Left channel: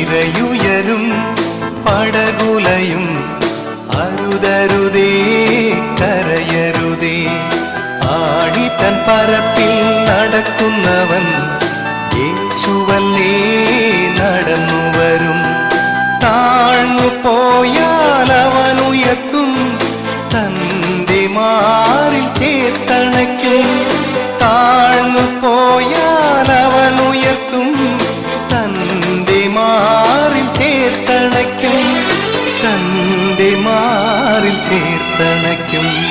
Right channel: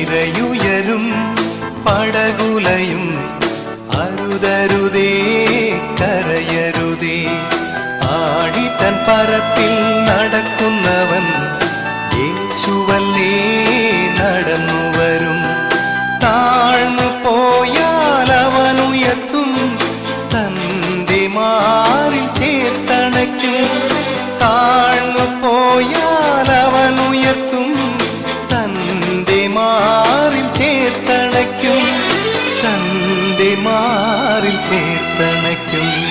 തിരയുയരും പടകുലയും അരുതരുതേ കരയരുതേ. ആഴിത്തൻ പരപ്പിൽ നടക്കുന്നവൻ യേശുവല്ലേ നടന്നുവരും. താഴ്ന്നു പോയാൽ അവനുയർത്തും തന്റെ മാറിൽ ചേർത്തണയ്ക്കും. താഴ്ന്നു പോയാൽ അവനുയർത്തും തന്റെ മാറിൽ ചേർത്തണയ്ക്കും. തന്റെ മാറിൽ ചേർത്തണയ്ക്കും.